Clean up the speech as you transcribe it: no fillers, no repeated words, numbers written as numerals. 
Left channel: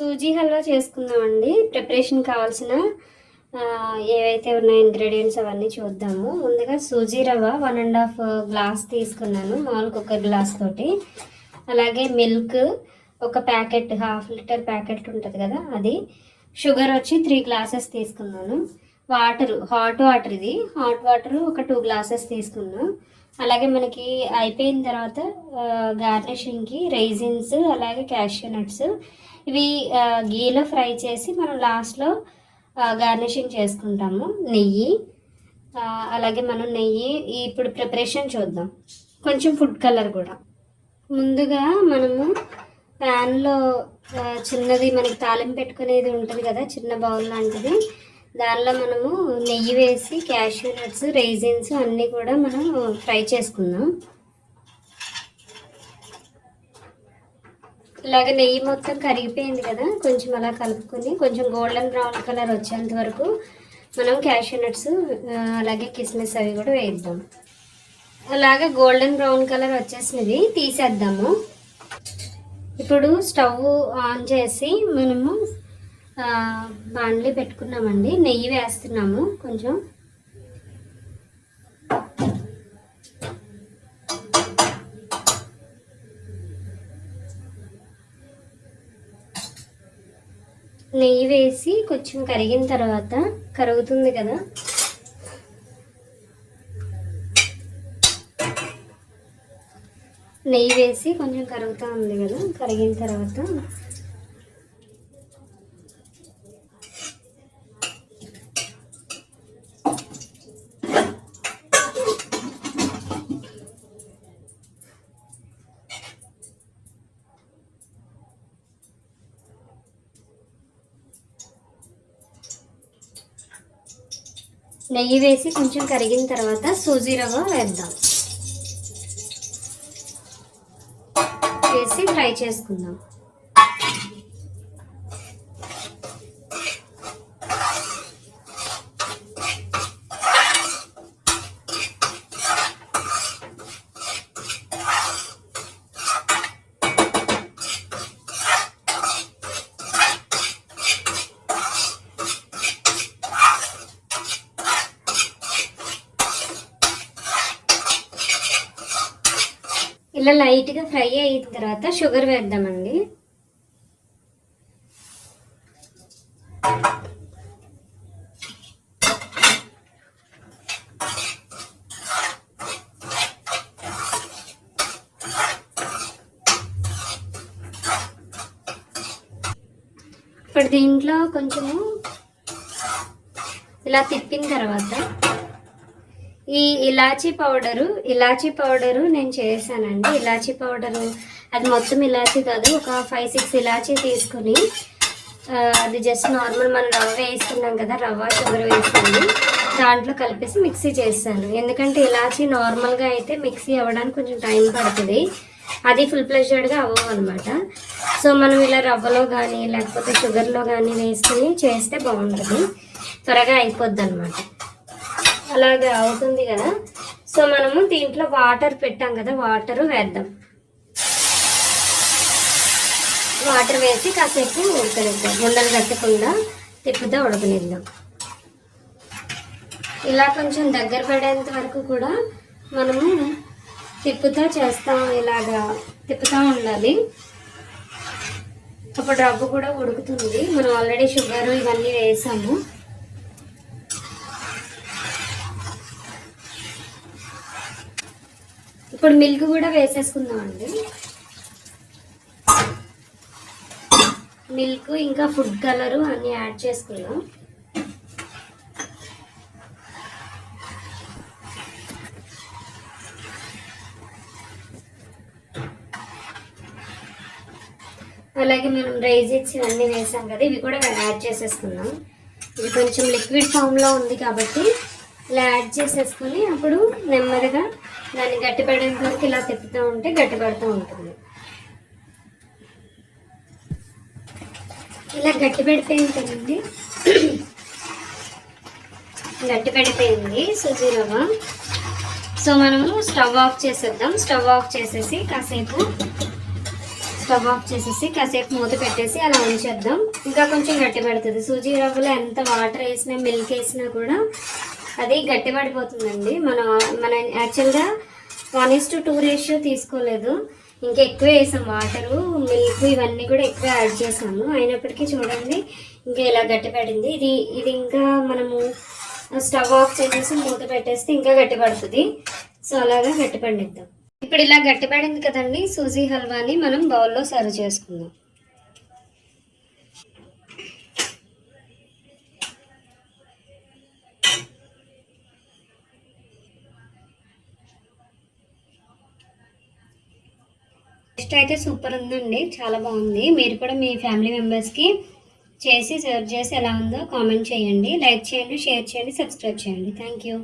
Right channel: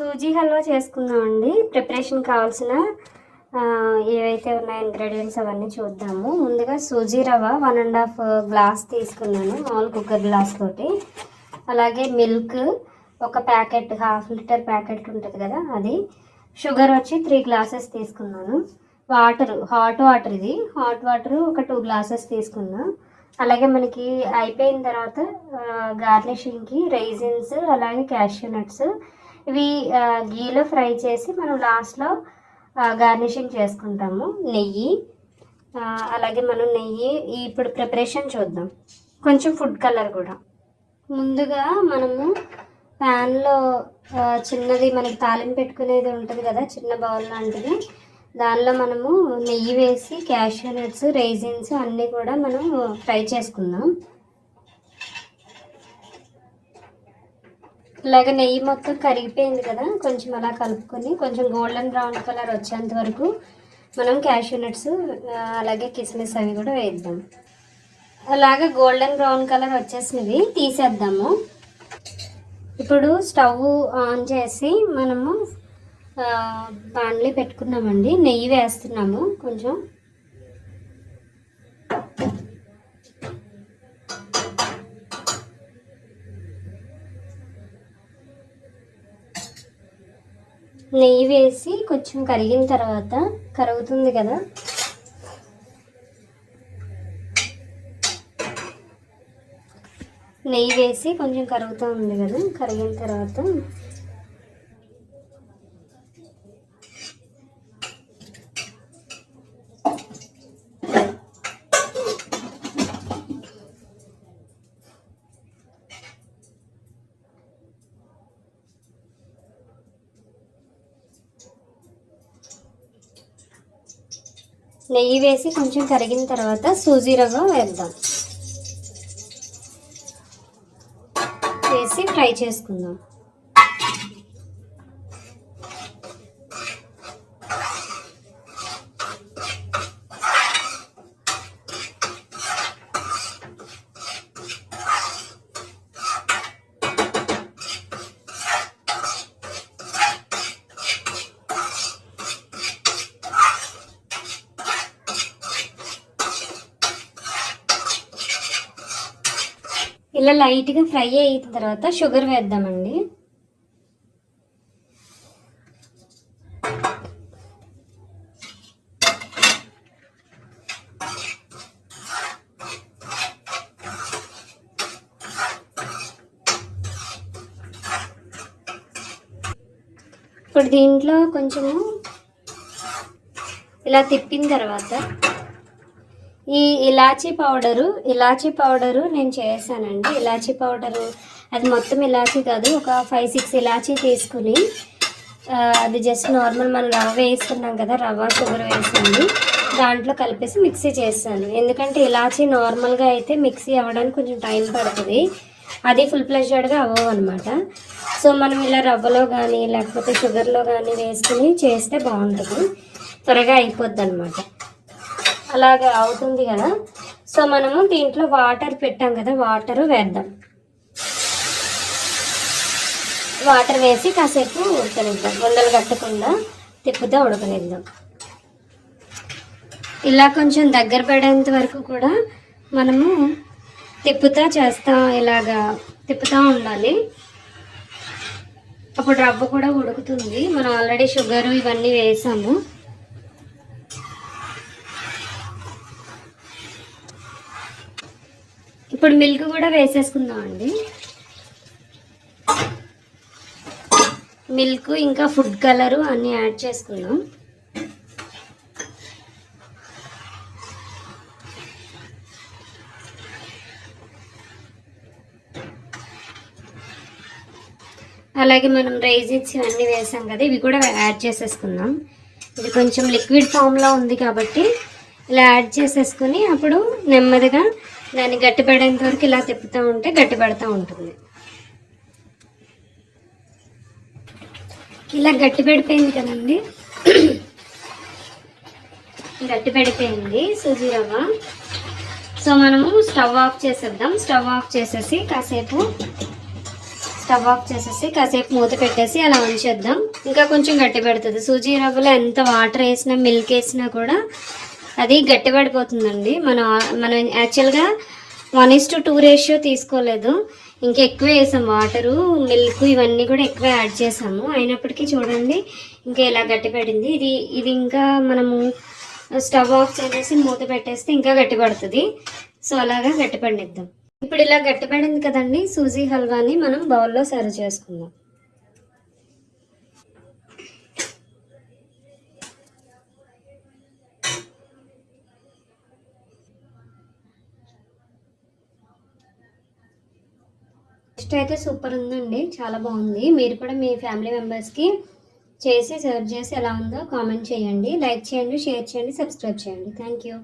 సూజీ హల్వా చేసుకుందామండి. ప్రిపరేషన్ కావాల్సిన ఏవైతే ఉన్నాయో ఇంగ్రీడియంట్స్ అవన్నీ చూద్దాము. ముందుగా సూజీ రవ్వ 1.5 గ్లాస్ తీసుకున్నాను, మామూలు కుక్కర్ గ్లాస్ తోటి. అలాగే మిల్క్ ఒక ప్యాకెట్, 1/2 లీటర్ ప్యాకెట్ ఉంటుంది కదా అది. షుగర్ వచ్చి 3 గ్లాసెస్ తీసుకున్నాను. వాటర్, హాట్ వాటర్, ఇది హాట్ వాటర్ ఒక 2 గ్లాసెస్ తీసుకున్నాను. అలాగే మనకి అయిపోయిన తర్వాత గార్నిషింగ్కి రైజిన్స్, అలాగే క్యాష్యూ నట్స్, ఇవి గీలో ఫ్రై చేసి మనం లాస్ట్లో గార్నిషింగ్ చేసుకుంటాము. నెయ్యి, అలాగే మనం నెయ్యి ఇప్పుడు ప్రిపరేషన్ చూద్దాం. కొంచెం ఫుడ్ కలర్ కూడా. ముందుగా మనము ప్యాన్లో చిన్నది మనకి తాలింపు పెట్టుకునేది ఉంటుంది కదా, చిన్న బౌల్ లాంటిది, దానిలో మనము నెయ్యి వేసి క్యాష్యూ నట్స్, రైజిన్స్ అన్నీ కూడా మనం ఫ్రై చేసుకుందాం. ఇలాగ నెయ్యి మొత్తం కరిగిపోయింది కదా, కొంచెం అలా కలుపుకొని కొంచెం గోల్డెన్ బ్రౌన్ కలర్ వచ్చేంత వరకు మనం క్యాష్యూ నట్స్ అలాగే కిస్మిస్ అవి కూడా వేద్దాం. అలాగే గోల్డెన్ బ్రౌన్ కలర్ వచ్చేసినవి తీసేద్దాము. ఇప్పుడు స్టవ్ ఆన్ చేసి మనము బాండ్లీ పెట్టుకున్నామండి. నెయ్యి వేస్తున్నాము కొంచెం. నెయ్యి వేసి కొంచెం కరిగిన తర్వాత, కరుగుతుంది కదా, నెయ్యి వేసి కొంచెం కరుగుతూ ఉంది కదా, కరిగిన తర్వాత నెయ్యి వేసి కొంచెం కరిగిన తర్వాత సూజీ రవ్వ వేద్దాం. వేసి ఫ్రై చేసుకుందాం. ఇలా లైట్గా ఫ్రై అయిన తర్వాత షుగర్ వేద్దామండి. ఇప్పుడు దీంట్లో కొంచెము ఇలా తిప్పిన తర్వాత ఈ ఇలాచీ పౌడరు నేను చేశానండి. ఇలాచీ పౌడరు అది మొత్తం ఇలాచీ కాదు, ఒక 5-6 ఇలాచీ తీసుకుని అది జస్ట్ నార్మల్ మనం రవ్వ వేసుకున్నాం కదా, రవ్వ షుగర్ వేసాను, దాంట్లో కలిపేసి మిక్సీ చేస్తాను. ఎందుకంటే ఇలాచీ నార్మల్గా అయితే మిక్సీ అవ్వడానికి కొంచెం టైం పడుతుంది, అది ఫుల్ ప్లెజర్డ్గా అవ్వవు అనమాట. సో మనం ఇలా రవ్వలో కానీ లేకపోతే షుగర్లో కానీ వేసుకుని చేస్తే బాగుంటుంది, త్వరగా అయిపోద్ది అనమాట. అలాగా అవుతుంది కదా. సో మనము దీంట్లో వాటర్ పెట్టాం కదా, వాటర్ వేద్దాం. వాటర్ వేసి కాసేపు ఉడకనిద్దాం, ఉండలు కట్టకుండా తిప్పుతా ఉడకనిద్దాం. ఇలా కొంచెం దగ్గర పడేంత వరకు కూడా మనము ఇలాగా తిప్పుతూ ఉండాలి. అప్పుడు రవ్వ కూడా ఉడుకుతుంది. మనం ఆల్రెడీ షుగరు ఇవన్నీ వేసాము. ఇప్పుడు మిల్క్ కూడా వేసేసుకుందామండి. మిల్క్ ఇంకా ఫుడ్ కలరు అన్నీ యాడ్ చేసుకుందాం. అలాగే మనం రైజిన్స్ ఇవన్నీ వేసాం కదా, ఇవి కూడా యాడ్ చేసేసుకుందాం. ఇది కొంచెం లిక్విడ్ ఫామ్లో ఉంది కాబట్టి ఇలా యాడ్ చేసేసుకుని అప్పుడు నెమ్మదిగా దాన్ని గట్టి పడేంత వరకు ఇలా తిప్పుతూ ఉంటే గట్టి పడుతూ ఉంటుంది. ఇలా గట్టి పడిపోయింది కదండి, గట్టి పడిపోయింది సూజీ రవ్వ. సో మనము స్టవ్ ఆఫ్ చేసేద్దాం. స్టవ్ ఆఫ్ చేసేసి కాసేపు స్టవ్ ఆఫ్ చేసేసి కాసేపు మూత పెట్టేసి అలా ఉంచేద్దాం. ఇంకా కొంచెం గట్టి పెడుతుంది. సూజీ రవ్వలో ఎంత వాటర్ వేసినా మిల్క్ వేసినా కూడా అది గట్టి పడిపోతుందండి. మనం యాక్చువల్గా 1:2 రేషియో తీసుకోలేదు, ఇంకా ఎక్కువ వేసాం. వాటరు మిల్క్ ఇవన్నీ కూడా ఎక్కువ యాడ్ చేసాము. అయినప్పటికీ చూడండి ఇంకా ఇలా గట్టి పడింది. ఇది ఇంకా మనము స్టవ్ ఆఫ్ చేసేసి మూత పెట్టేస్తే ఇంకా గట్టి పడుతుంది. సో అలాగా గట్టి పడిద్దాం. ఇప్పుడు ఇలా గట్టి పడింది కదండి, సూజీ హల్వాని మనం బౌల్లో సర్వ్ చేసుకుందాం. టేస్ట్ అయితే సూపర్ ఉందండి, చాలా బాగుంది. మీరు కూడా మీ ఫ్యామిలీ మెంబర్స్కి చేసి సర్వ్ చేసి ఎలా ఉందో కామెంట్ చేయండి. లైక్ చేయండి, షేర్ చేయండి, సబ్స్క్రైబ్ చేయండి. Thank you.